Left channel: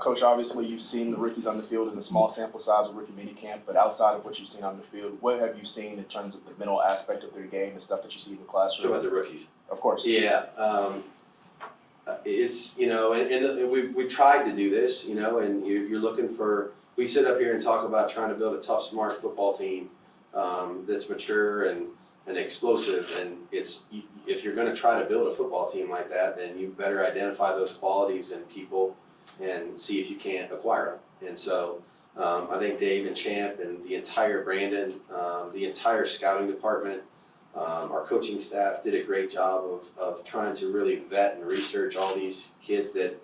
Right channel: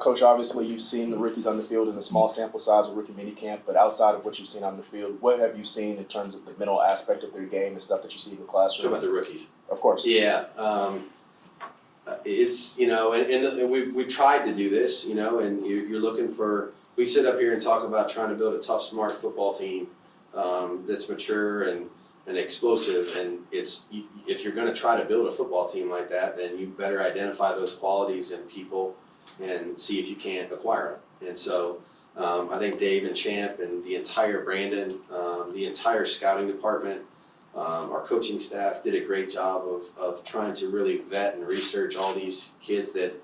Coach, obviously you've seen the rookies on the field in a small sample size of rookie minicamp, but outside of what you've seen on the field, what have you seen in terms of the mental aspect of their game and stuff that you see in the classroom? Talking about the rookies. Of course. Yeah. It's, and we tried to do this, and you're looking for, we sit up here and talk about trying to build a tough, smart football team that's mature and explosive. And if you're going to try to build a football team like that, then you better identify those qualities in people and see if you can't acquire them. And so I think Dave and Champ and the entire Brandon, the entire scouting department, our coaching staff did a great job of trying to really vet and research all these kids that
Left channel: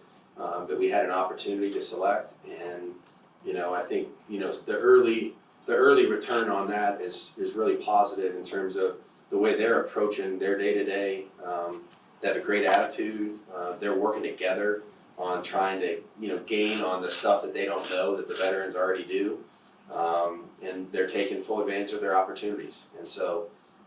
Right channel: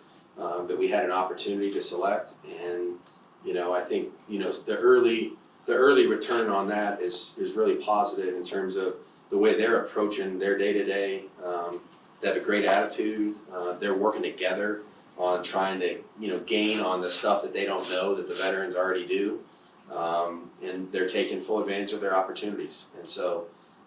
we had an opportunity to select. And I think the early return on that is really positive in terms of the way they're approaching their day to day. They have a great attitude. They're working together on trying to gain on the stuff that they don't know that the veterans already do, and they're taking full advantage of their opportunities. And so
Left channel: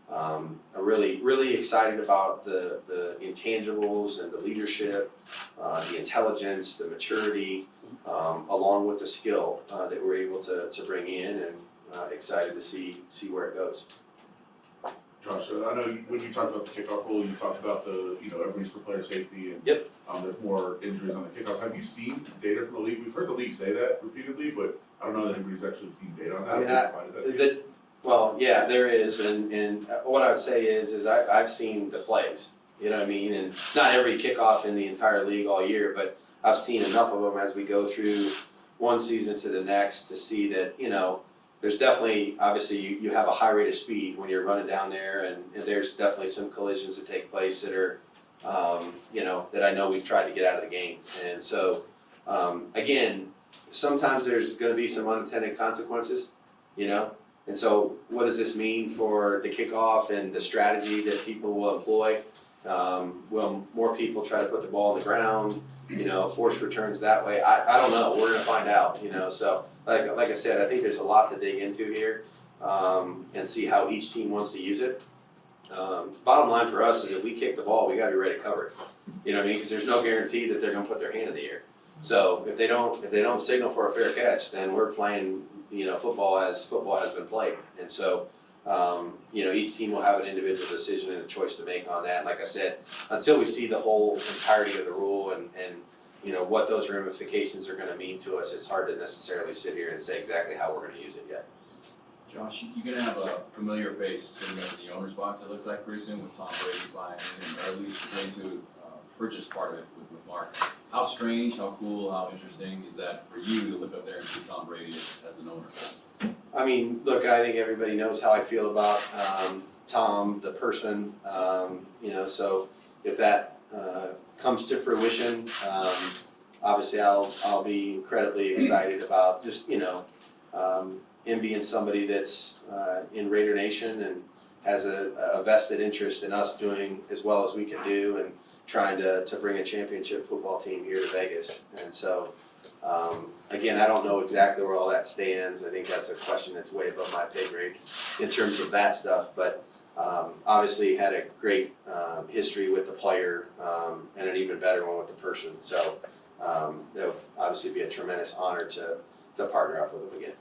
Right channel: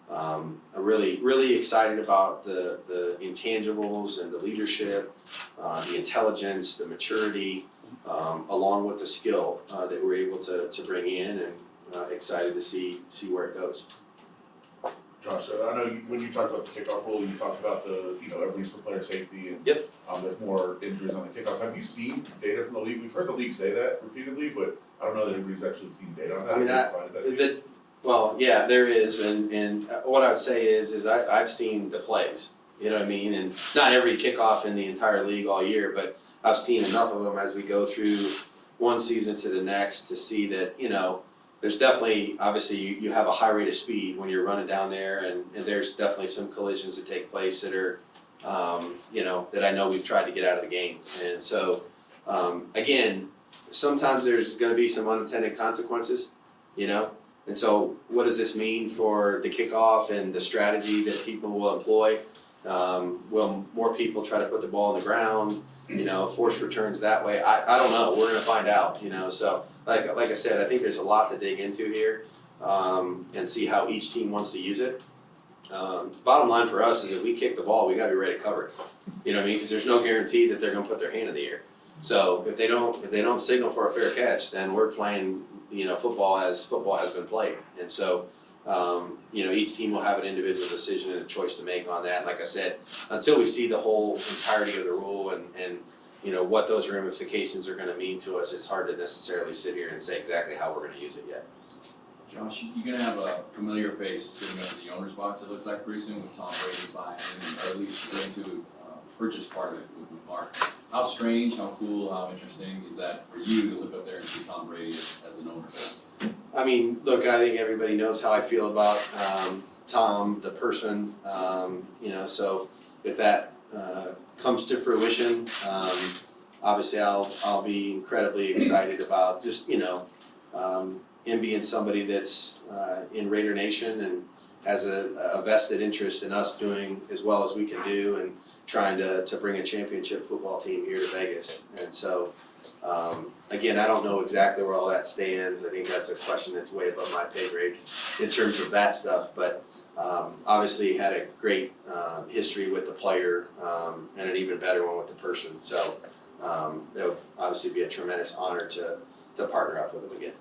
I'm really excited about the intangibles and the leadership, the intelligence, the maturity, along with the skill that we're able to bring in, and excited to see where it goes. Josh, I know when you talked about the kickoff rule, you talked about everybody's for player safety, and Yep. There's more injuries on the kickoffs. Have you seen data from the league? We've heard the league say that repeatedly, but I don't know that anybody's actually seen data on that. I mean, well, yeah, there is, and what I would say is I've seen the plays, you know what I mean, and not every kickoff in the entire league all year, but I've seen enough of them as we go through one season to the next to see that there's definitely, obviously you have a high rate of speed when you're running down there, and there's definitely some collisions that take place that are that I know we've tried to get out of the game. And so again, sometimes there's going to be some unintended consequences, and so what does this mean for the kickoff and the strategy that people will employ? Will more people try to put the ball on the ground, force returns that way? I don't know. We're going to find out, so like I said, I think there's a lot to dig into here, and see how each team wants to use it. Bottom line for us is if we kick the ball, we got to be ready to cover it. You know what I mean? Because there's no guarantee that they're going to put their hand in the air. So if they don't signal for a fair catch, then we're playing football as football has been played. And so each team will have an individual decision and a choice to make on that. And like I said, until we see the whole entirety of the rule and what those ramifications are going to mean to us, it's hard to necessarily sit here and say exactly how we're going to use it yet. Josh, you're going to have a familiar face sitting up in the owner's box, it looks like, pretty soon with Tom Brady behind him, or at least going to purchase part of it with Mark. How strange, how cool, how interesting is that for you to look up there and see Tom Brady as an owner? I mean, look, I think everybody knows how I feel about Tom, the person, so if that comes to fruition, obviously I'll be incredibly excited about just, him being somebody that's in Raider Nation and has a vested interest in us doing as well as we can do and trying to bring a championship football team here to Vegas. And so, again, I don't know exactly where all that stands. I think that's a question that's way above my pay grade in terms of that stuff. But obviously had a great history with the player and an even better one with the person. So it would obviously be a tremendous honor to partner up with him again.